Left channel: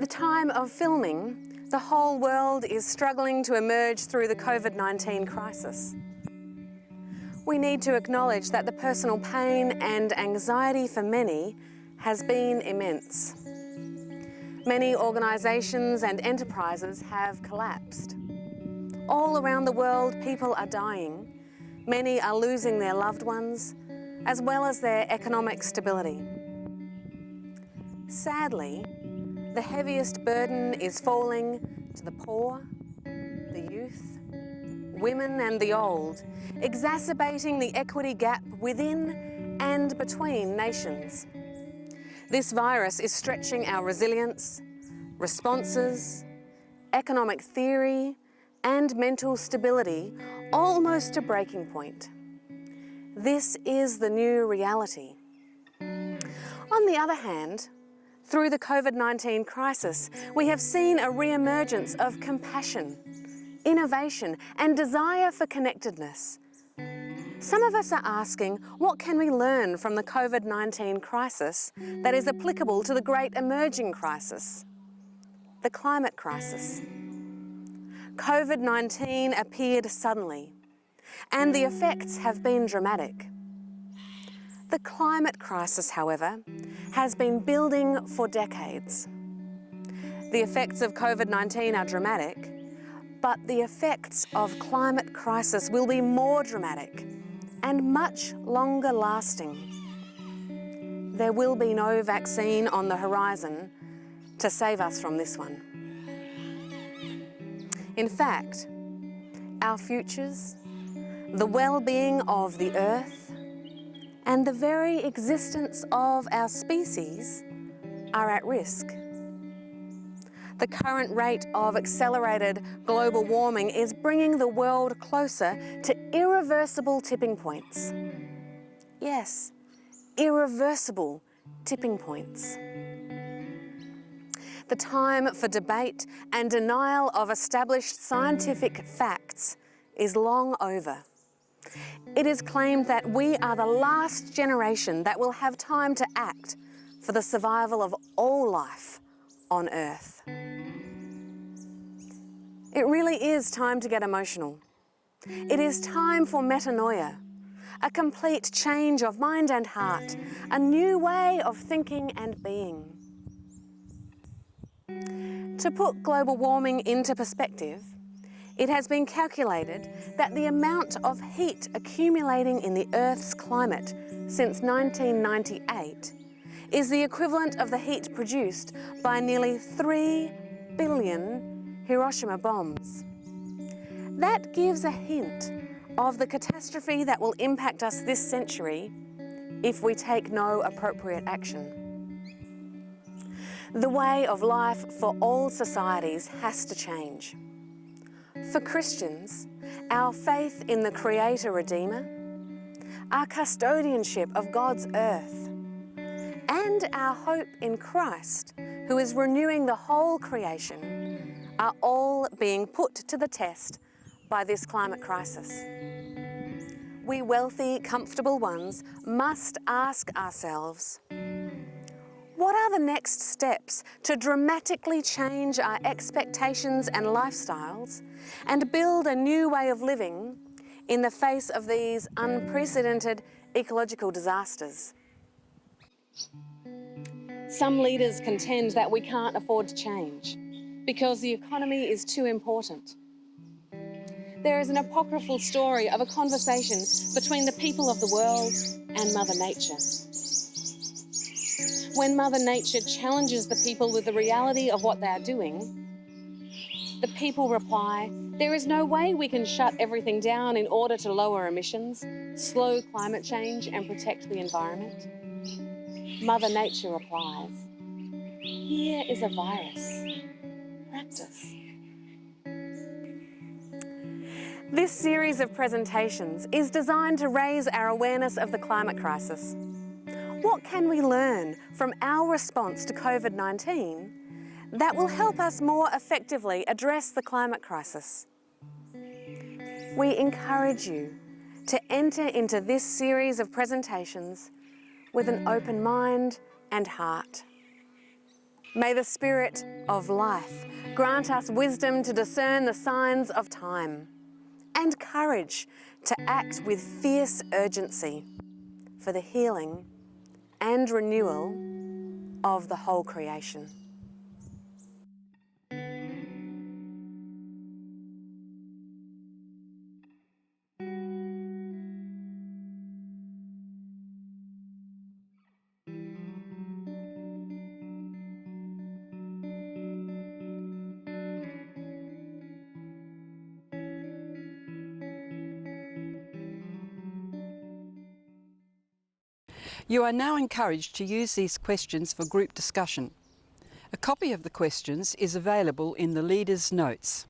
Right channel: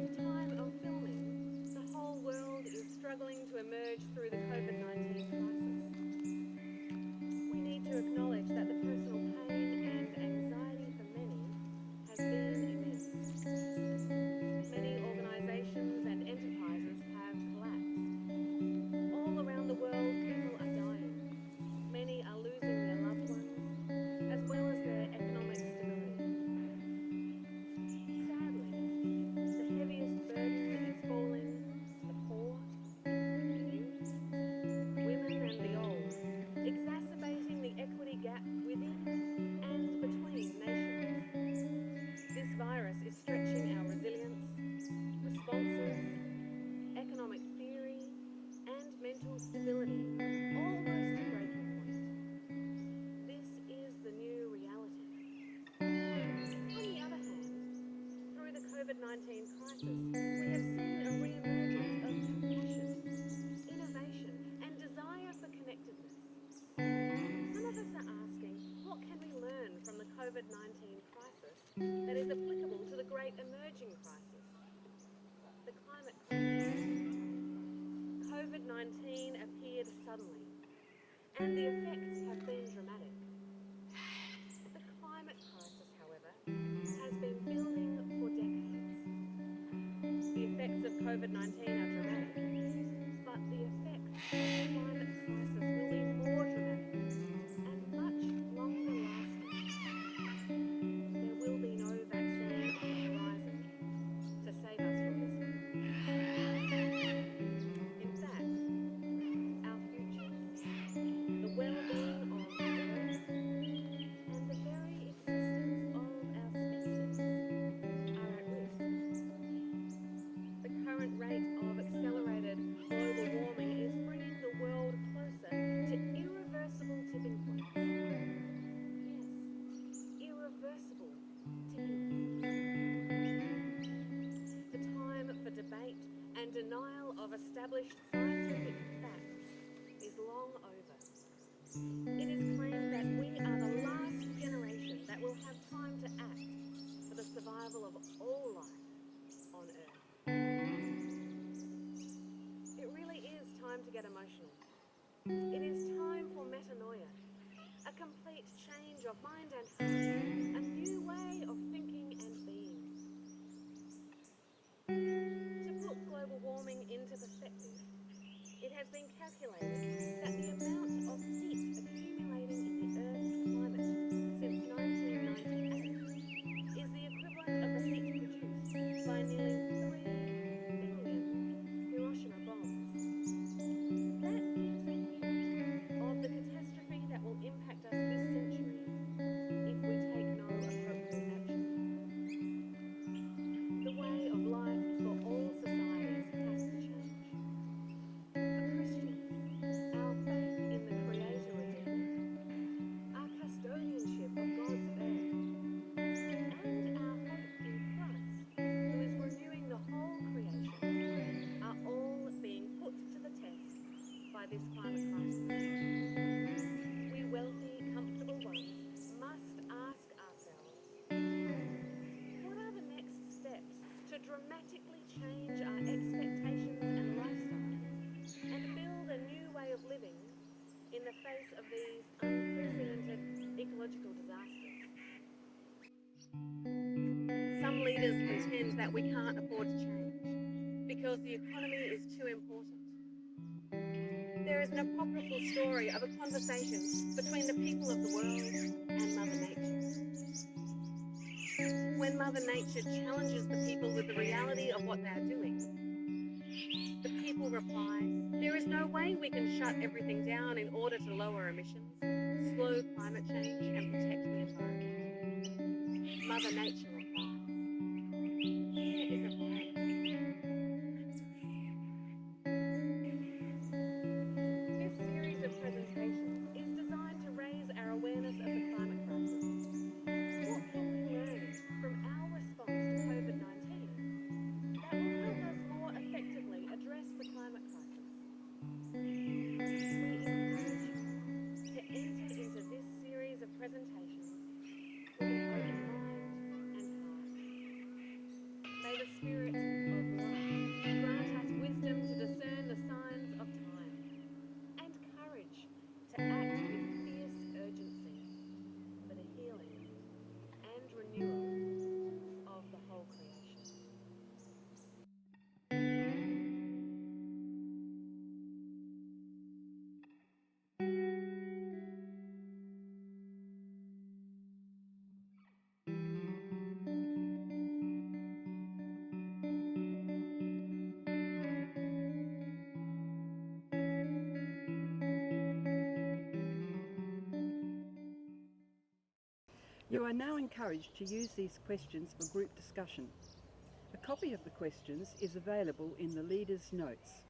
At the time of filming, the whole world is struggling to emerge through the COVID-19 crisis. We need to acknowledge that the personal pain and anxiety for many has been immense. Many organisations and enterprises have collapsed. All around the world, people are dying. Many are losing their loved ones, as well as their economic stability. Sadly, the heaviest burden is falling to the poor, the youth, women and the old, exacerbating the equity gap within and between nations. This virus is stretching our resilience, responses, economic theory and mental stability almost to breaking point. This is the new reality. On the other hand, through the COVID-19 crisis, we have seen a re-emergence of compassion, innovation and desire for connectedness. Some of us are asking, what can we learn from the COVID-19 crisis that is applicable to the great emerging crisis, the climate crisis? COVID-19 appeared suddenly, and the effects have been dramatic. The climate crisis, however, has been building for decades. The effects of COVID-19 are dramatic, but the effects of climate crisis will be more dramatic and much longer lasting. There will be no vaccine on the horizon to save us from this one. In fact, our futures, the well-being of the Earth, and the very existence of our species are at risk. The current rate of accelerated global warming is bringing the world closer to irreversible tipping points. Yes, irreversible tipping points. The time for debate and denial of established scientific facts is long over. It is claimed that we are the last generation that will have time to act for the survival of all life on Earth. It really is time to get emotional. It is time for metanoia, a complete change of mind and heart, a new way of thinking and being. To put global warming into perspective, it has been calculated that the amount of heat accumulating in the Earth's climate since 1998 is the equivalent of the heat produced by nearly 3 billion Hiroshima bombs. That gives a hint of the catastrophe that will impact us this century if we take no appropriate action. The way of life for all societies has to change. For Christians, our faith in the Creator Redeemer, our custodianship of God's earth, and our hope in Christ, who is renewing the whole creation, are all being put to the test by this climate crisis. We wealthy, comfortable ones must ask ourselves, what are the next steps to dramatically change our expectations and lifestyles and build a new way of living in the face of these unprecedented ecological disasters? Some leaders contend that we can't afford to change because the economy is too important. There is an apocryphal story of a conversation between the people of the world and Mother Nature. When Mother Nature challenges the people with the reality of what they are doing, the people reply, there is no way we can shut everything down in order to lower emissions, slow climate change and protect the environment. Mother Nature replies, here is a virus. Practice. This series of presentations is designed to raise our awareness of the climate crisis. What can we learn from our response to COVID-19 that will help us more effectively address the climate crisis? We encourage you to enter into this series of presentations with an open mind and heart. May the Spirit of life grant us wisdom to discern the signs of time and courage to act with fierce urgency for the healing and renewal of the whole creation. You are now encouraged to use these questions for group discussion. A copy of the questions is available in the Leaders' Notes.